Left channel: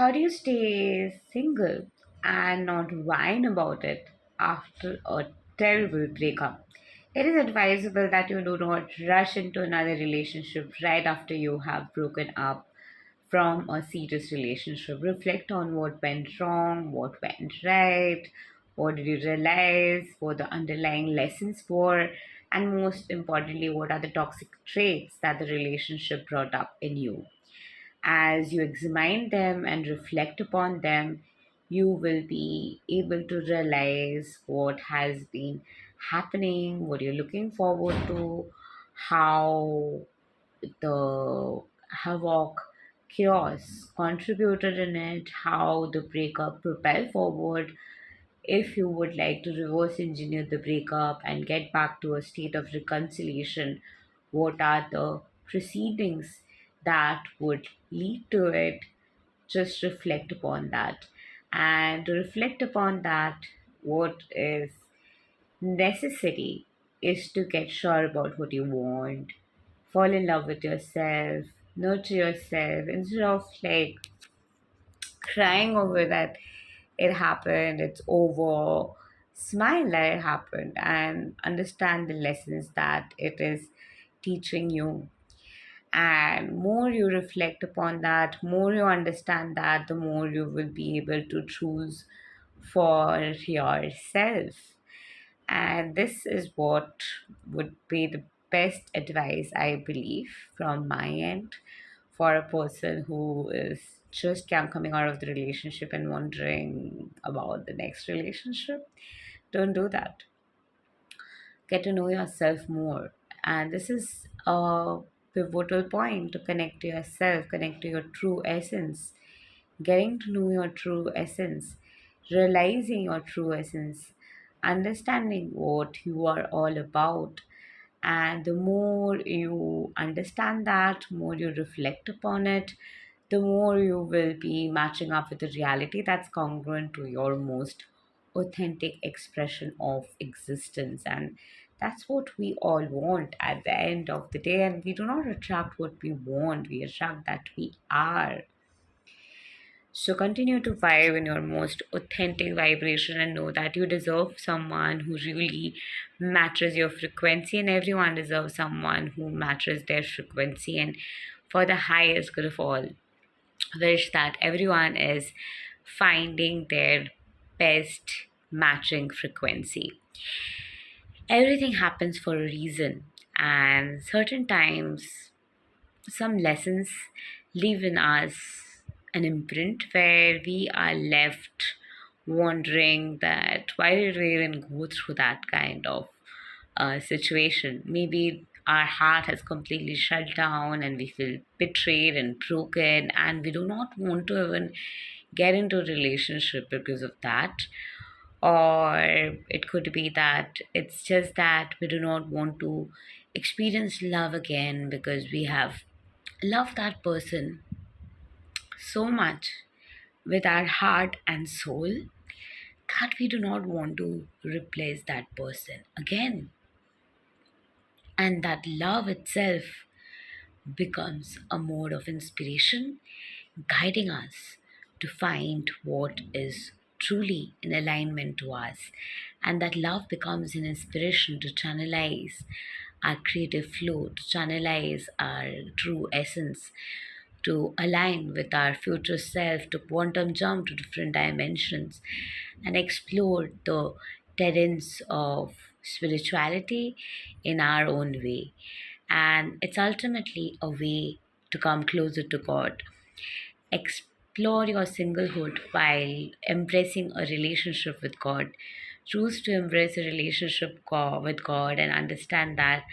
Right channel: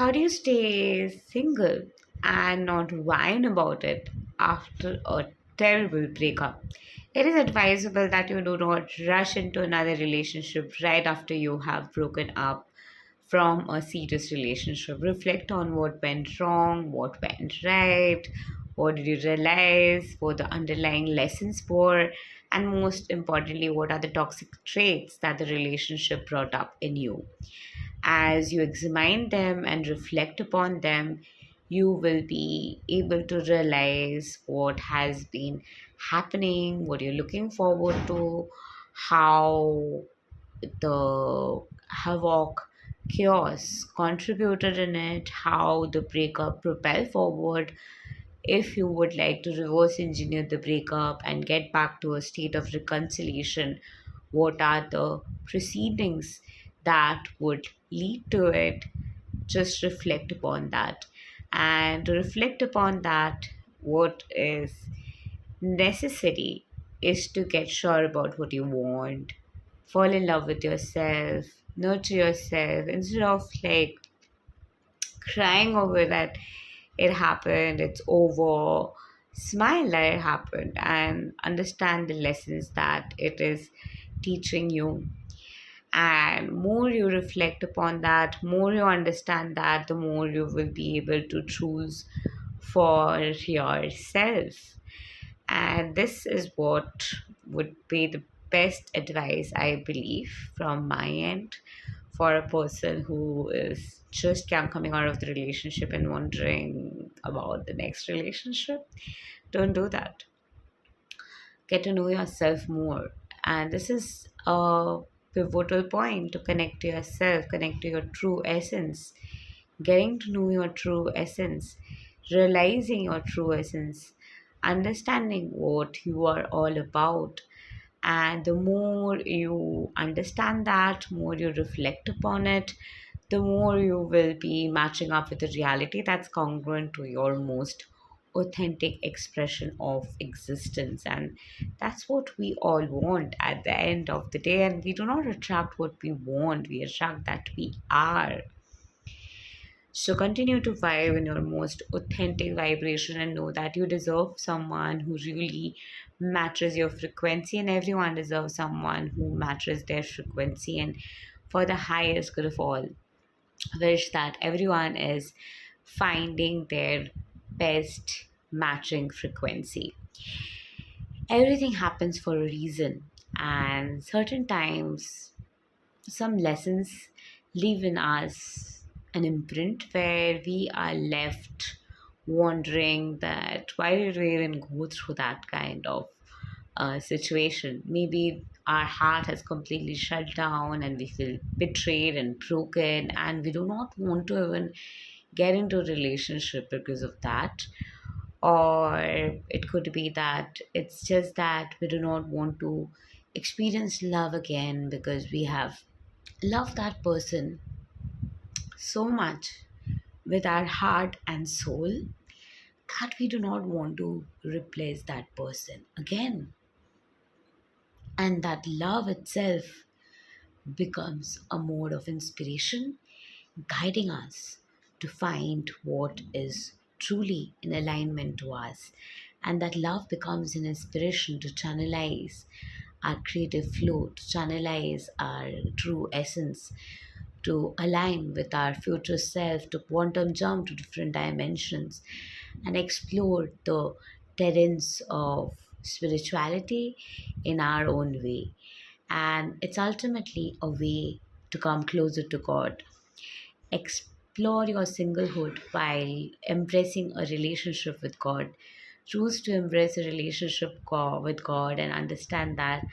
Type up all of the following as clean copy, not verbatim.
How do you stay single and not whine about it after a terrible breakup? It is advisable that you do not rush into another relationship right after you have broken up from a serious relationship. Reflect on what went wrong, what went right, what did you realize, what the underlying lessons were, and most importantly, what are the toxic traits that the relationship brought up in you. As you examine them and reflect upon them, you will be able to realize what has been happening, what you're looking forward to, how the havoc, chaos contributed in it, how the breakup propelled forward. If you would like to reverse engineer the breakup and get back to a state of reconciliation, what are the proceedings that would lead to it? Just reflect upon that. And to reflect upon that, what is necessary is to get sure about what you want, fall in love with yourself, nurture yourself instead of like crying over that it happened, it's over. Smile that it happened and understand the lessons that it is teaching you. And more you reflect upon that, more you understand that, the more you will be able to choose for yourself. And this is what would be the best advice, I believe, from my end for a person who is just coming out of the relationship and wondering about the next relationship. Don't do that. Get to know yourself more. And this is a pivotal point to connect to yourself, connect to your true essence, getting to know your true essence, realizing your true essence, understanding what you are all about. And the more you understand that, more you reflect upon it, the more you will be matching up with the reality that's congruent to your most authentic expression of existence. And that's what we all want at the end of the day. And we do not attract what we want, we attract that we are. So continue to vibe in your most authentic vibration and know that you deserve someone who really matches your frequency, and everyone deserves someone who matches their frequency. And for the highest good of all, wish that everyone is finding their best matching frequency. Everything happens for a reason, and certain times some lessons leave in us an imprint where we are left wondering that why did we even go through that kind of situation. Maybe our heart has completely shut down and we feel betrayed and broken, and we do not want to even get into a relationship because of that. Or it could be that it's just that we do not want to experience love again because we have loved that person so much with our heart and soul that we do not want to replace that person again. And that love itself becomes a mode of inspiration, guiding us to find what is truly in alignment to us. And that love becomes an inspiration to channelize our creative flow, to channelize our true essence, to align with our future self, to quantum jump to different dimensions and explore the terrains of spirituality in our own way. And it's ultimately a way to come closer to God. Explore your singlehood while embracing a relationship with God. Choose to embrace a relationship with God and understand that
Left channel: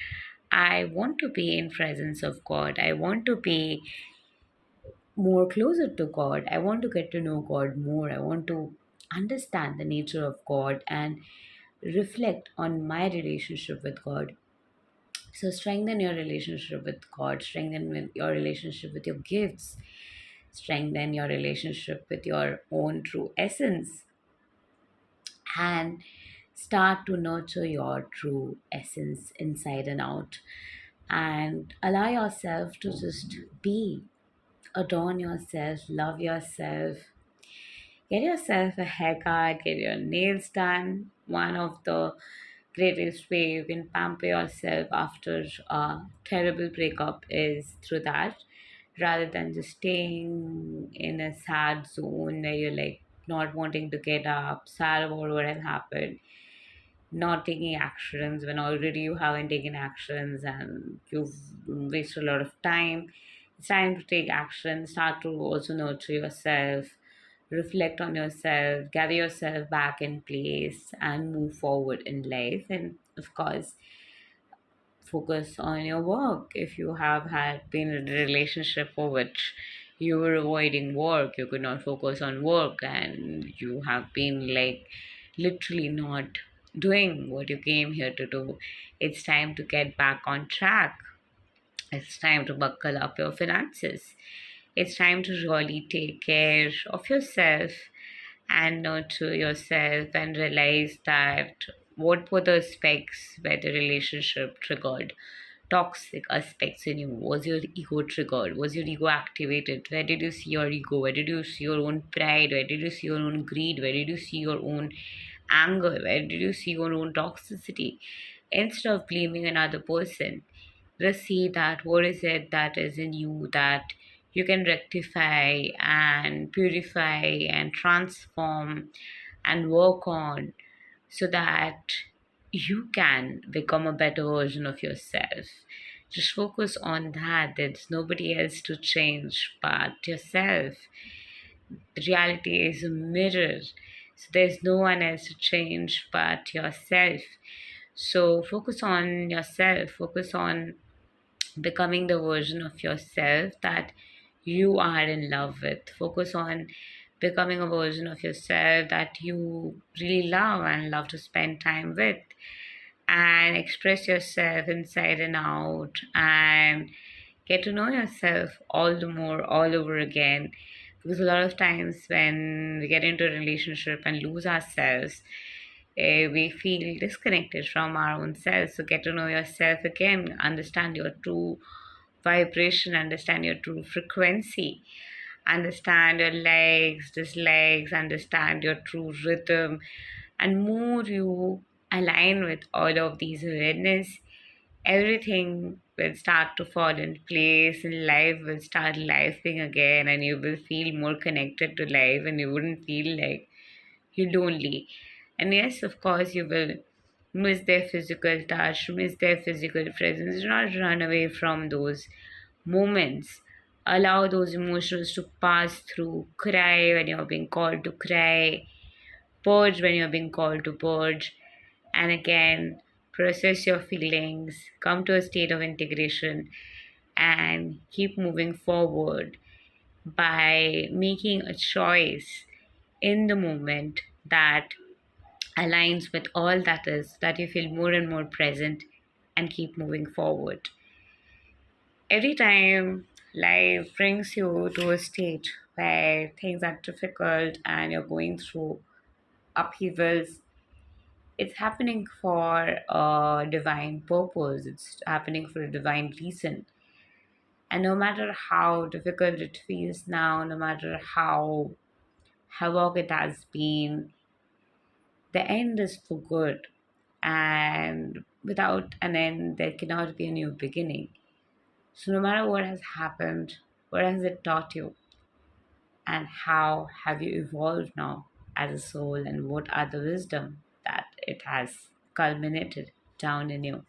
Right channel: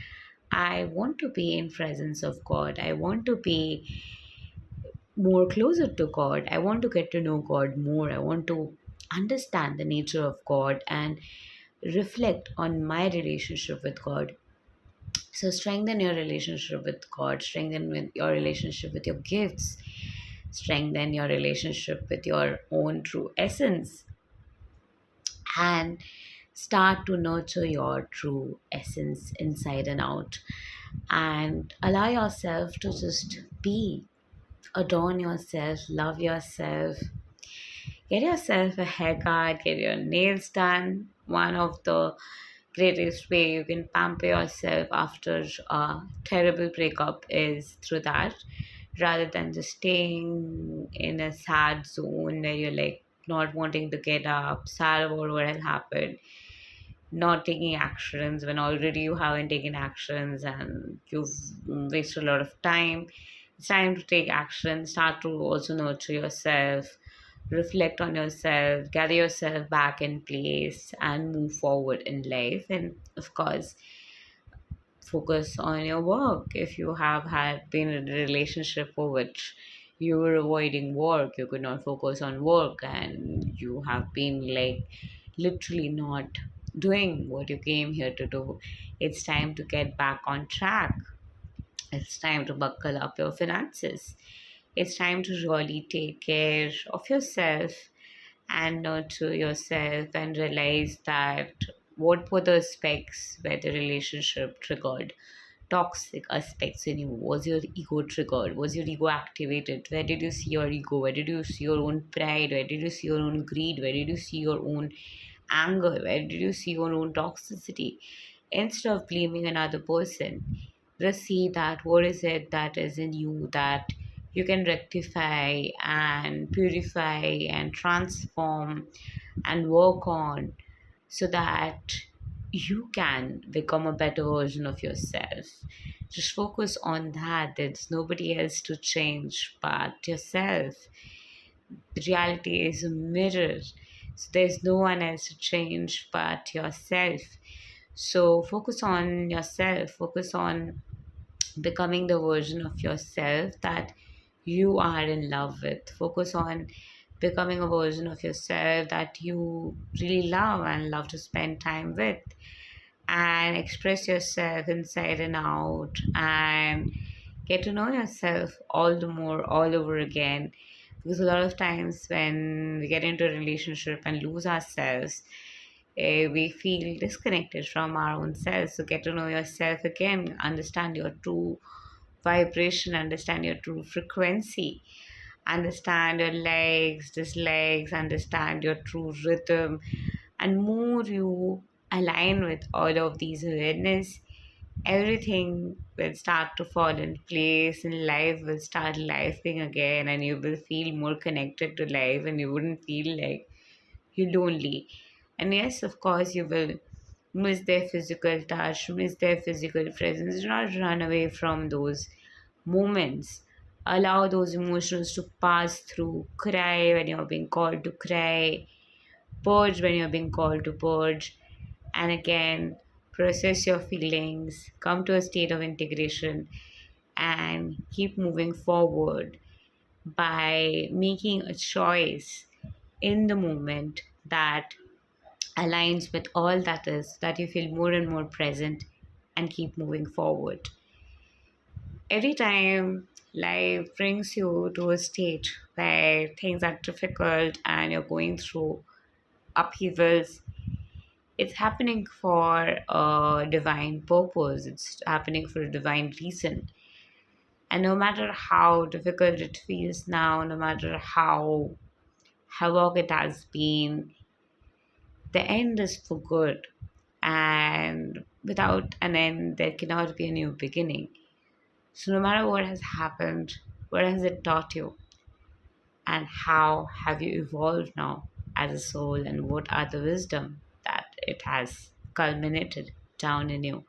I want to be in presence of God. I want to be more closer to God. I want to get to know God more. I want to understand the nature of God and reflect on my relationship with God. So strengthen your relationship with God, your relationship with your gifts, strengthen your relationship with your own true essence, and start to nurture your true essence inside and out. And allow yourself to just be adorn yourself, love yourself, get yourself a haircut, get your nails done. One of the greatest way you can pamper yourself after a terrible breakup is through that, rather than just staying in a sad zone where you're like not wanting to get up, sad about what has happened, not taking actions when already you haven't taken actions and you've wasted a lot of time. It's time to take action, start to also nurture yourself, reflect on yourself, gather yourself back in place, and move forward in life. And of course, focus on your work. If you have had been in a relationship for which you were avoiding work, you could not focus on work, and you have been like literally not doing what you came here to do, it's time to get back on track. It's time to buckle up your finances. It's time to really take care of yourself and nurture yourself and realize that what were the aspects where the relationship triggered toxic aspects in you. Was your ego triggered? Was your ego activated? Where did you see your ego? Where did you see your own pride? Where did you see your own greed? Where did you see your own anger? Where did you see your own toxicity? Instead of blaming another person, just see that what is it that is in you that you can rectify and purify and transform and work on, so that you can become a better version of yourself. Just focus on that. There's nobody else to change but yourself. The reality is a mirror. So there's no one else to change but yourself. So focus on yourself. Focus on becoming the version of yourself that you are in love with. Focus on becoming a version of yourself that you really love and love to spend time with, and express yourself inside and out, and get to know yourself all the more all over again. Because a lot of times when we get into a relationship and lose ourselves, we feel disconnected from our own selves. So get to know yourself again, understand your true vibration, understand your true frequency, understand your likes, dislikes, understand your true rhythm. And more you align with all of these awareness, everything will start to fall in place and life will start lifing again, and you will feel more connected to life and you wouldn't feel like you're lonely. And yes, of course, you will miss their physical touch, miss their physical presence. Do not run away from those moments. Allow those emotions to pass through. Cry when you're being called to cry. Purge when you're being called to purge. And again, process your feelings. Come to a state of integration and keep moving forward by making a choice in the moment that aligns with all that is, that you feel more and more present and keep moving forward. Every time life brings you to a state where things are difficult and you're going through upheavals, it's happening for a divine purpose, it's happening for a divine reason. And no matter how difficult it feels now, no matter how havoc it has been, the end is for good. And without an end, there cannot be a new beginning. So, no matter what has happened, what has it taught you? And how have you evolved now as a soul? And what are the wisdom that it has culminated down in you?